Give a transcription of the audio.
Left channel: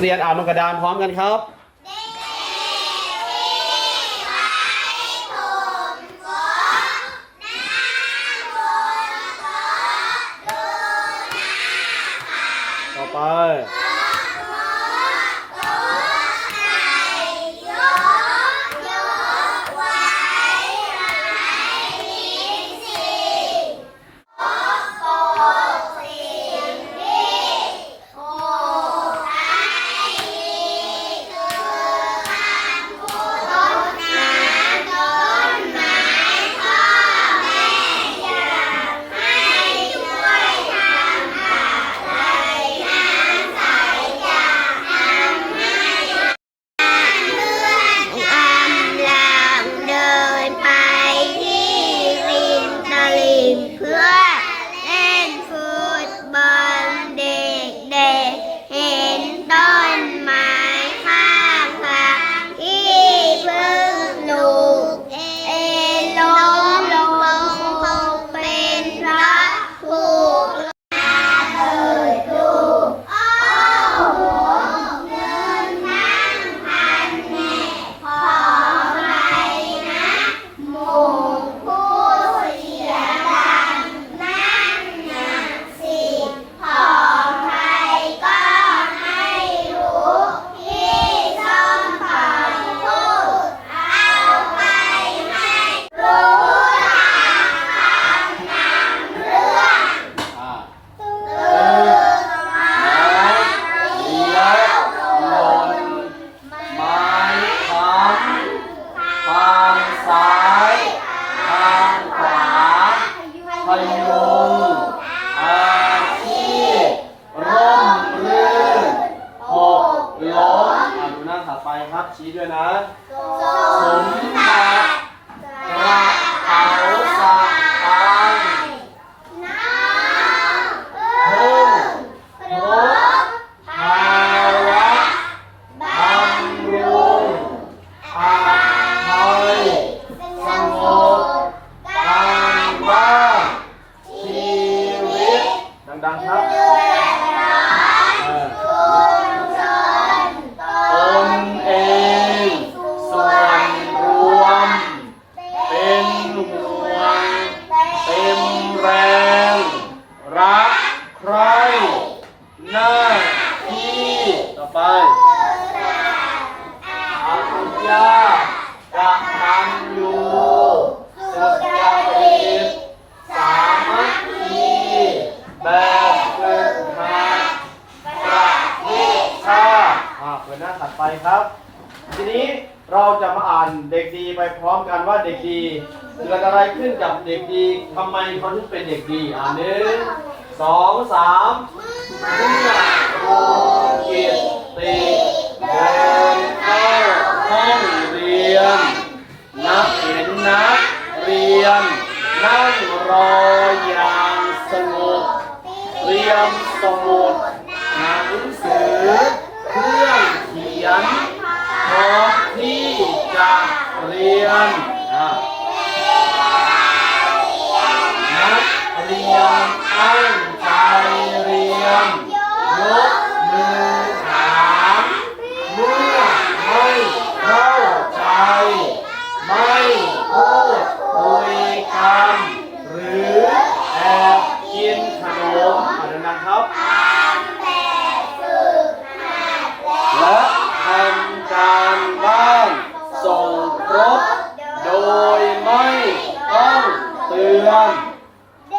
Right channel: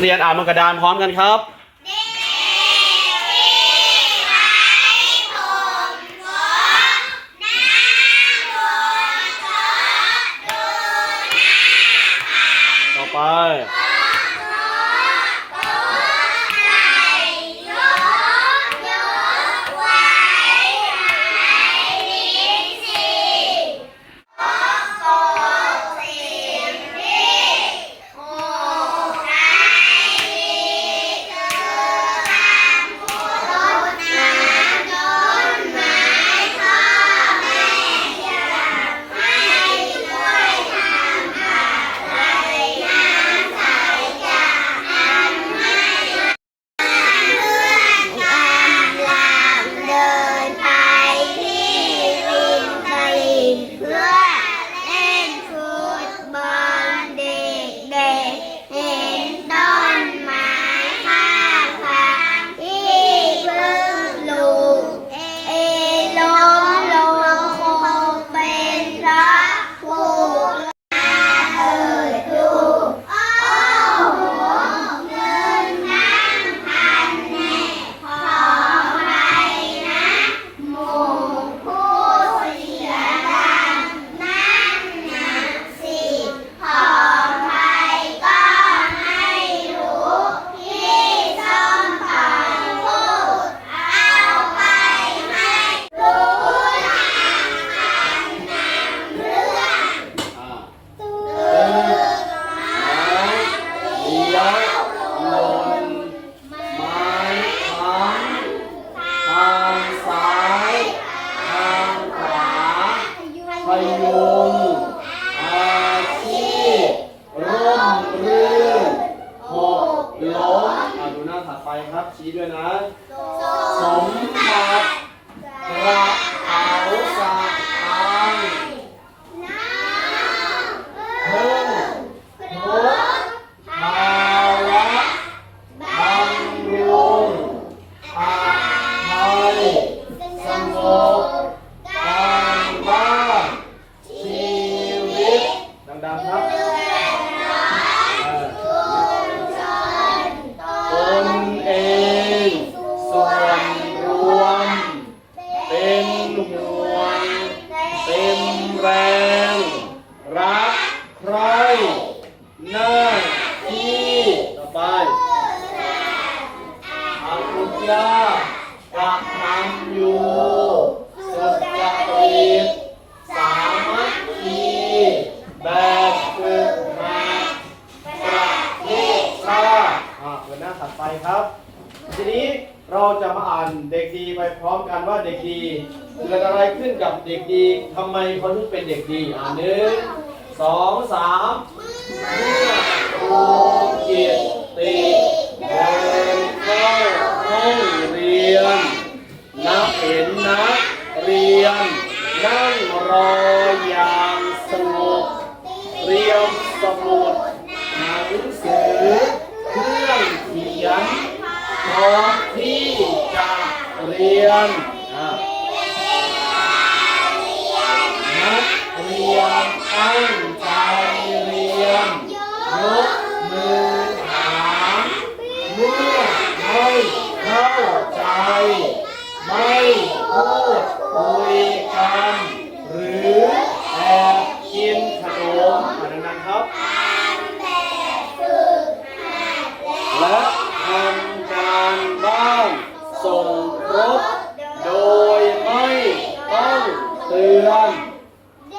เรียนอ่านบนกระดานพร้อมกันครับต่อไป อไปอาคุยากระทำอยู่สุจริตสามัคคีแบบฝึกหัดประเทศชาติอ่าเปิดหน้าถัดไปครับ ทีนี้เราจะมาอ่านเด็กดีไปพร้อมกันว่าเด็กดีเกิดอะไรขึ้นกับเด็กดีทำไมเขาถึงเป็นเด็กดีอ่านหนึ่งสองสามเมื่อครูกิตติ นั่งรออย่างสงบเตรียมสมุดหนังสือเครื่องเขียนพร้อมที่จะเรียนนักเรียนตั้ง